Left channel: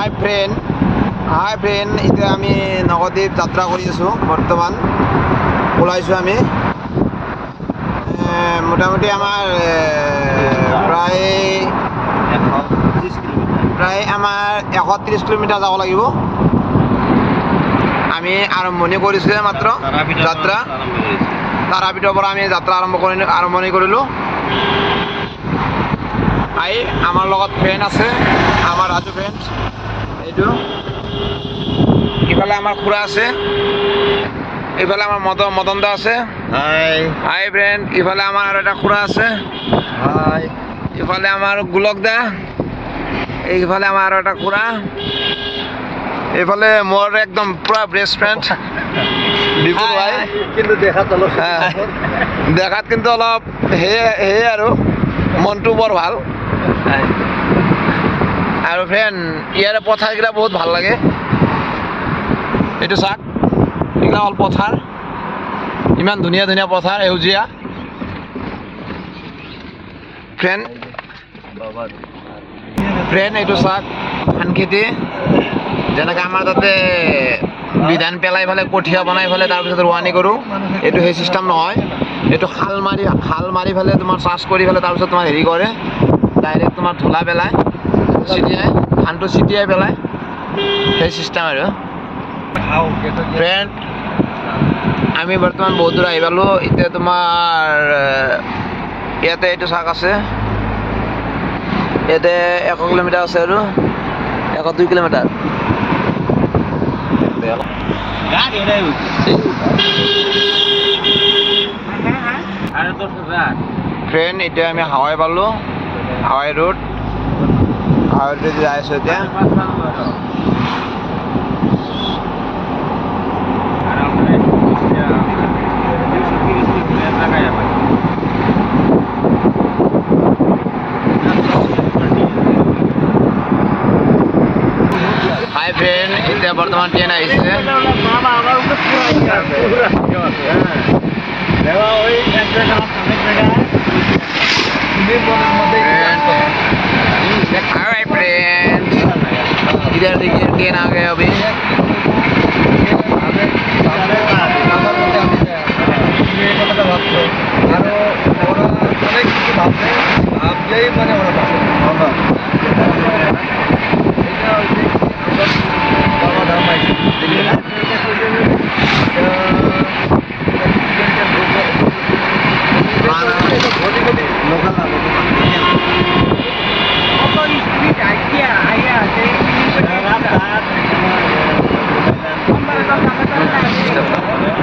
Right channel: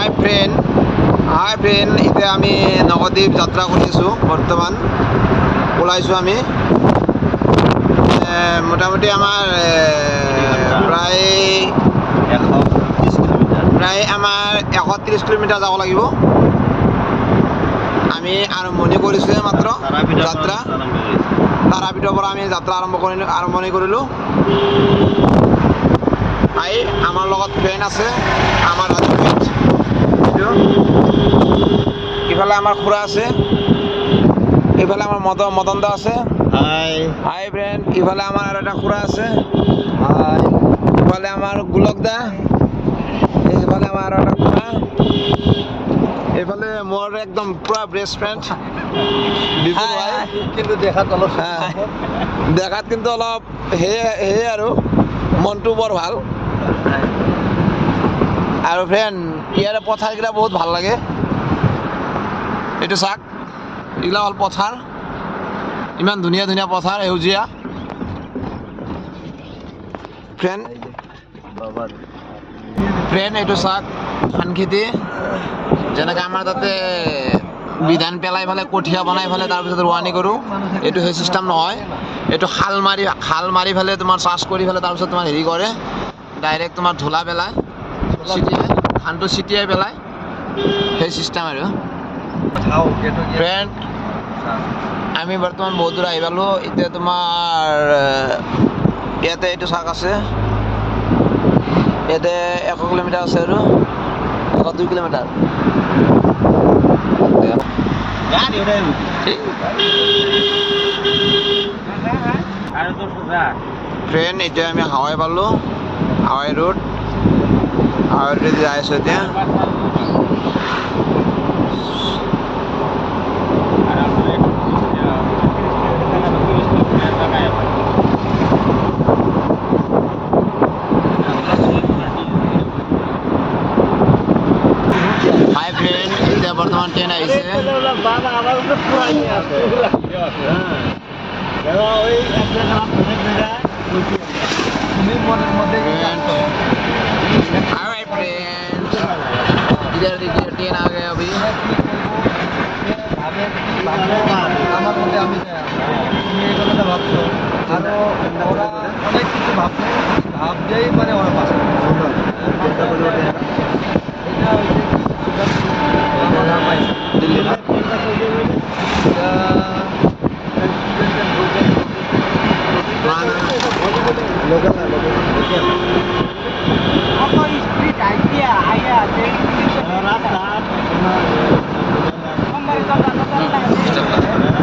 হাই friend, এতিয়া আমি নৱদ্বীপ যাত্ৰা কৰি আছোঁ। বৰ্তমান ওলাইছোঁ আমি মোটামুটি আমাৰ প্ৰায় আমাৰ 130 কিলোমিটাৰ যাব লাগিব। আমি আৰম্ভণি কৰিছোঁ মাত্ৰ যাত্ৰা। তাৰাপীঠৰ পৰা আমি যাত্ৰা আৰম্ভণি কৰিলোঁ। আমাৰ লগত ফ্ৰেণ্ড আছে, আমাৰ ৰাজু ফ্ৰেণ্ড। ইফালে আমাৰ খুৰা আছে, ইফালে আমাৰ মদন দা আছে। হাই ফ্ৰেণ্ড। ইফালে আমাৰ আৰু এটা খুৰা আছে। ইফালে আমাৰ গোলক দা, এইফালে আমাৰ আৰু এটা খুৰা। এইফালে মোৰ একদম পুৰা বেষ্ট ফ্ৰেণ্ড বিপুল ভাই। কিন্তু দেখাত কিন্তু অলপ সেয়ে আৰু মনটো বৰ ভাল। আৰু ফ্ৰেণ্ড, ইয়াৰে পথাৰকেইটা বহুত ভাল লাগে। এইটো চাওক, এইগিলা হ'ল পথাৰ। ইমান ধুনীয়া ধুনীয়া পথাৰ, সেউজীয়া। ফ্ৰেণ্ড এইটো চাওক, ধান খেতি। যেনেকৈ আমাৰ তাতে বিধান পেলাই পেলাই কঠীয়া বনাই পেলাই তাৰপিছত ৰোৱানি কৰোঁ, এইটো সেই চিষ্টেম নহয়। এইটো খাল মাৰি পেলাই তোমাৰ চাষ কৰি পেলাই তাৰপিছত তোমাৰ হেৰি কৰে, ডাইৰেক্ট তোমাৰ ধূলা পেলাই ধানটো ছিটিয়াই পেলাই, সেই চিষ্টেম আৰু। ফ্ৰেণ্ড, আমি বৰ্তমান বহুত দূৰ আহি পালোঁ। এতিয়া তোমাৰ ইয়াতে এইটো চাক আছে, ইয়াতে 100 কিলোমিটাৰ আছে আৰু 102 কিলোমিটাৰ। ফ্ৰেণ্ড, এতিয়া আমি হাৱাই পালোঁ, হাৱাই ৰোড যাই আছোঁ এতিয়া। হাই ফ্ৰেণ্ড, এতিয়া বৰ্তমান ট্ৰেইন আহিছে। हाय फ्रेंड्स, इधर देखिए ट्रेन आ गए अभी। लोकल